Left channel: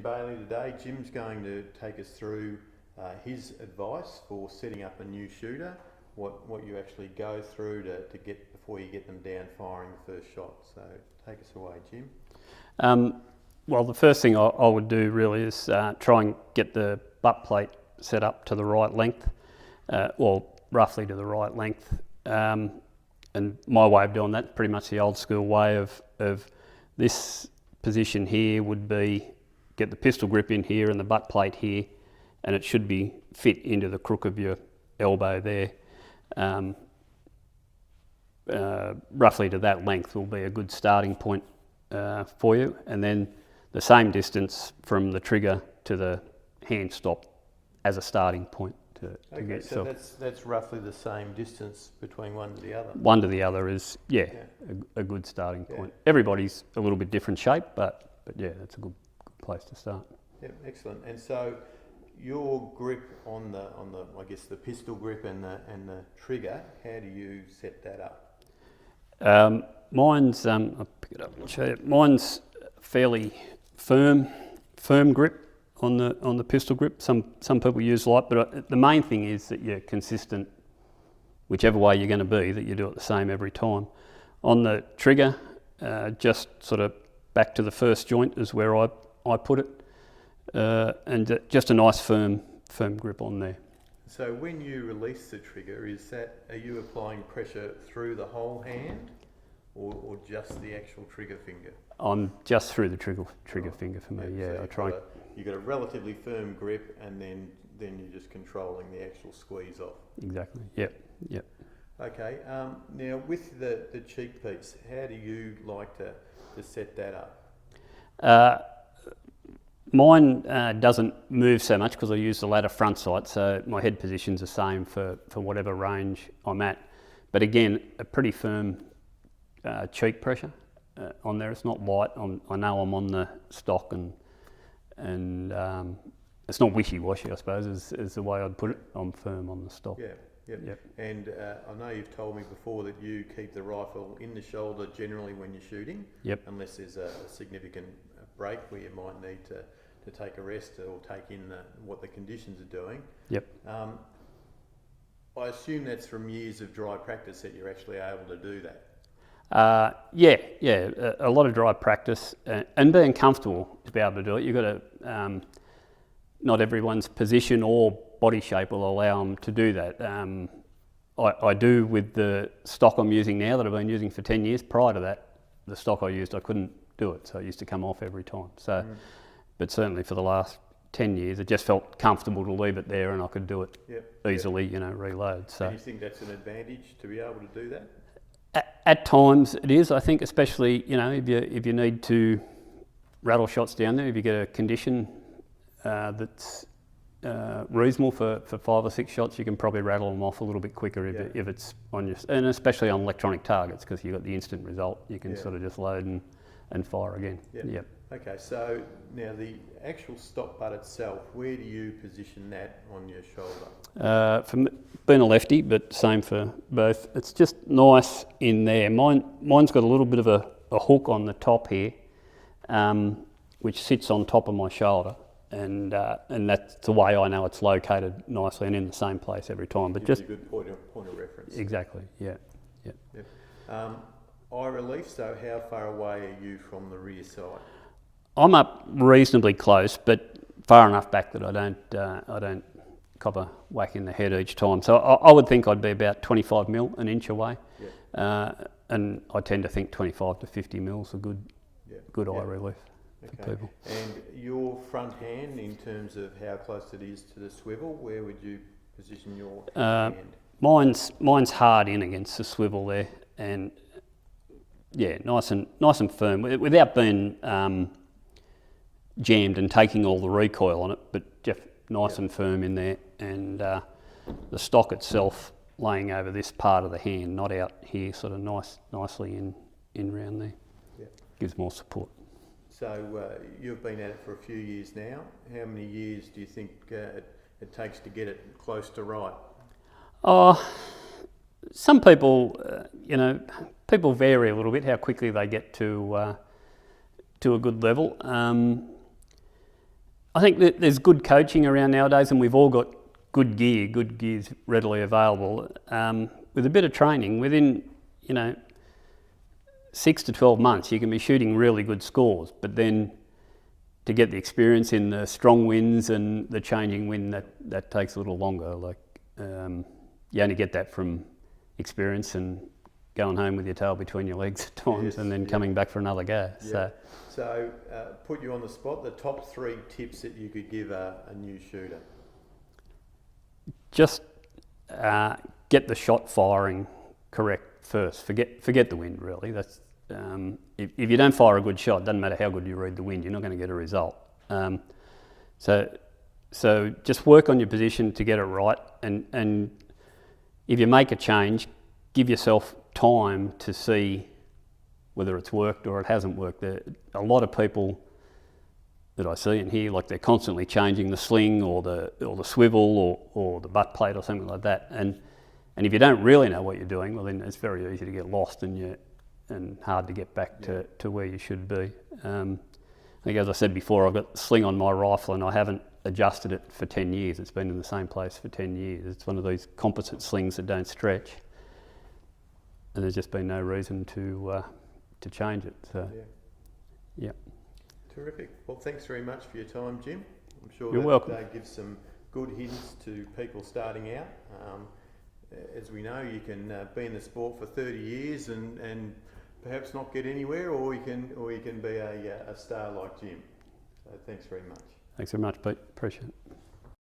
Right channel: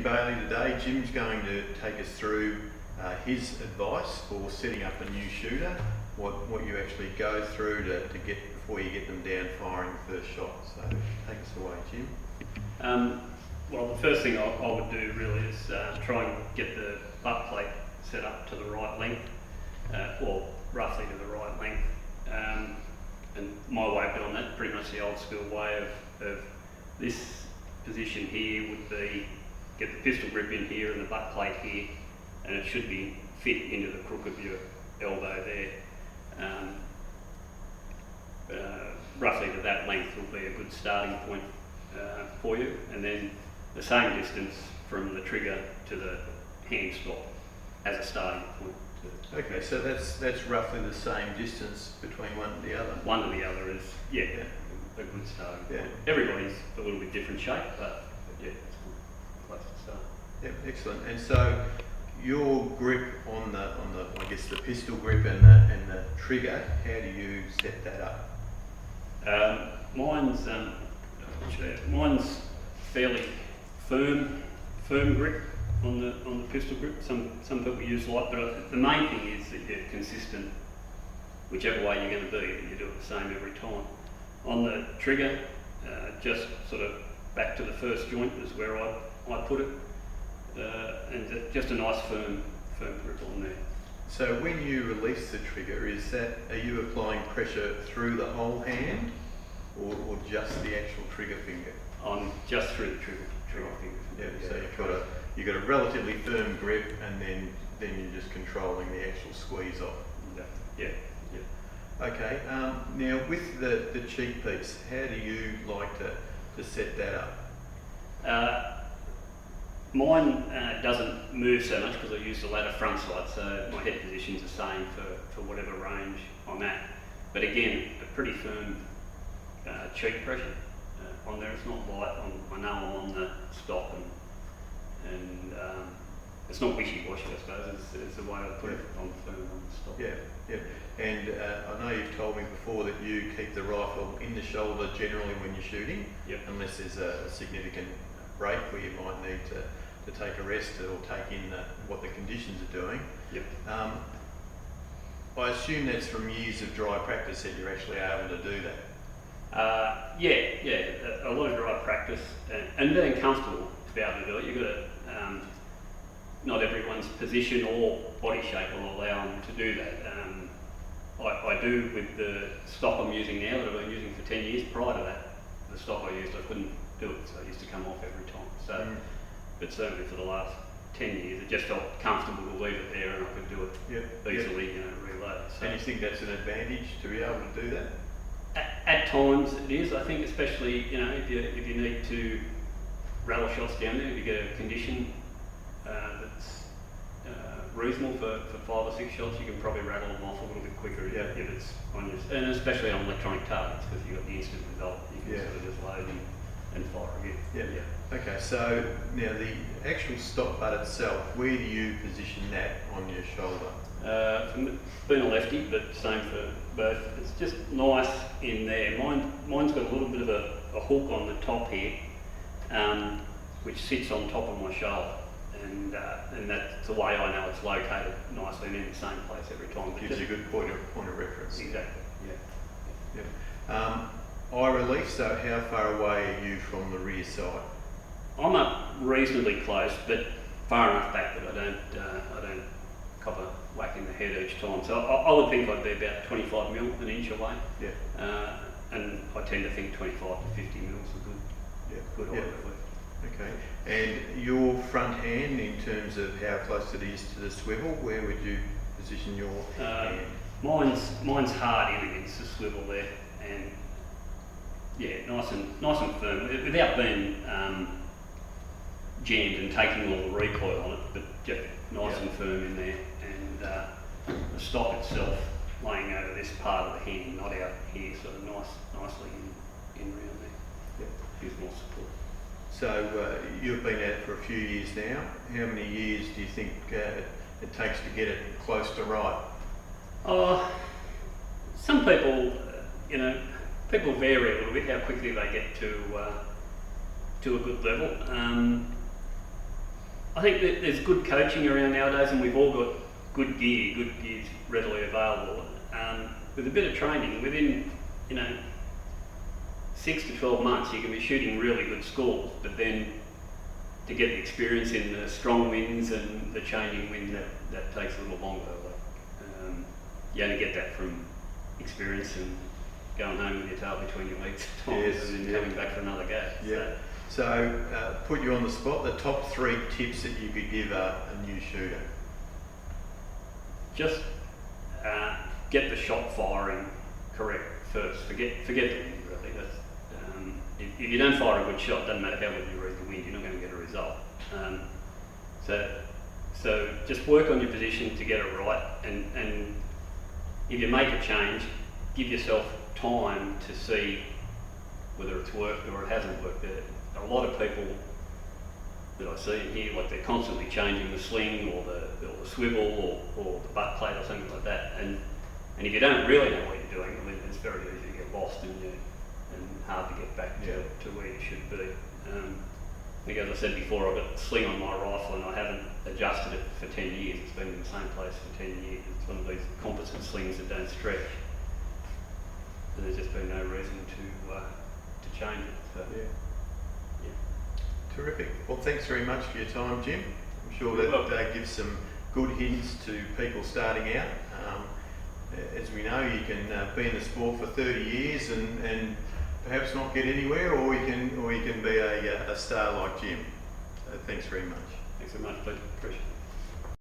Jim Bailey today. Jim's going to take us through his advice for setting up a new shooter, what you actually go through to get before you get them down firing the first shot. So take us away, Jim. Well, the first thing I would do really is try and get the butt plate set up to the right length, or roughly to the right length. And my way of doing that, pretty much the old school way of this position here would be get the pistol grip in here and the butt plate here, and it should be fit into the crook of your elbow there. Roughly to that length will be a good starting point for you, and then the same distance from the trigger to the hand stop as a starting point. Okay, so that's roughly the same distance between one to the other? One to the other is, a good starting point. Everybody's a little bit different shape, but yeah, it's a good place to start. Yep, excellent. And so your grip on the I guess the pistol grip and the trigger, how do you set that up? Mine's I'll pick it up and show you. Mine's fairly firm grip on the pistol grip. Some people use light, but the main thing is that you're consistent, whichever way you're going to be, that you do it the same every time. On the trigger, just sort of back to the first joint is where I put it, and just a nice firm grip on there. So when you release the trigger, are you applying pressure through the whole hand, or just the actual trigger finger? On just through the trigger finger from there. So you've got a relatively firm grip, and then you're just controlling the actual squeeze off. Exactly. Yeah. Okay. Now with the cheek piece, how do you like to set that up? Mine doesn't move so much because I use the ladder front sight, so my head position's the same for whatever range I'm at. But again, a pretty firm cheek pressure on there. It's not light. I know I'm on the stock, and it's not wishy-washy, I suppose, is the way I'd put it. I'm firm on the stock. Yeah. And I know you've told me before that you keep the rifle in the shoulder generally when you're shooting, unless there's a significant break where you might need to take a rest or take in what the conditions are doing. Yep. I assume that's from years of dry practice that you're actually able to do that. A lot of dry practice and being comfortable to be able to do it. You've got to, not everyone's position or body shape will allow them to do that. I do with the stock I'm using now that I've been using for 10 years. Prior to that, the stock I used, I couldn't do it, so it used to come off every time. So, but certainly for the last 10 years, it just felt comfortable to leave it there, and I could do it easily, reload. So. And you think that's an advantage to be able to do that? At times it is. I think especially if you need to rattle shots down there, if you get a condition that's reasonable for 5 or 6 shots, you can probably rattle them off a little bit quicker if it's on your, and especially on electronic targets, because you've got the instant result. You can sort of just load and fire again. Yeah. Okay, so now the actual stock butt itself, where do you position that on your shoulder? From being a lefty, but same for both. It's just nice in there. Mine's got a little bit of a hook on the top here, which sits on top of my shoulder, and that's the way I know it's located nicely and in the same place every time. But gives you a good point of reference. Exactly. Yeah. I release. So how far away are you from the rear side? I'm up reasonably close, but far enough back that I don't cop a whack in the head each time. So I would think I'd be about 25 mil, an inch away. And I tend to think 25 to 50 mil is a good eye relief. Okay. And your front hand, in terms of how close it is to the swivel, where would you position your hand? Mine's hard in against the swivel there, and nice and firm, without being jammed and taking all the recoil on it, but just nice and firm in there, and the stock itself laying over this part of the hand, not out here, sort of nicely in round there. Gives more support. So you've been at it for a few years now. How many years do you think it takes to get it close to right? Some people, people vary a little bit how quickly they get to a good level. I think that there's good coaching around nowadays, and we've all got good gear's readily available. With a bit of training, within 6 to 12 months, you can be shooting really good scores. But then to get the experience in the strong winds and the changing wind, that takes a little longer. You only get that from experience and going home with your tail between your legs at times, and then coming back for another go. Yeah. So put you on the spot, the top 3 tips that you could give a new shooter. Just get the shot firing correct first. Forget the wind, really. That's if you don't fire a good shot, it doesn't matter how good you read the wind, you're not going to get a result. So just work on your position to get it right, and if you make a change, give yourself time to see whether it's worked or it hasn't worked. A lot of people that I see and hear, like, they're constantly changing the sling or the swivel or the butt plate or something like that, and if you don't really know what you're doing, well, then it's very easy to get lost and hard to get back to where you should be. I think, as I said before, I've got the sling on my rifle and I haven't adjusted it for 10 years. It's been in the same place for 10 years. It's one of these composite slings that don't stretch, and there's just been no reason to change it. So, yeah. Terrific. Well, thanks very much for your time, Jim. I'm sure You're that welcome. gives some good hints to people starting out. As we know, you can be in the sport for 30 years and perhaps not get anywhere, or you can be a star like Jim. So thanks very much. Thanks very much, Pete. Appreciate it.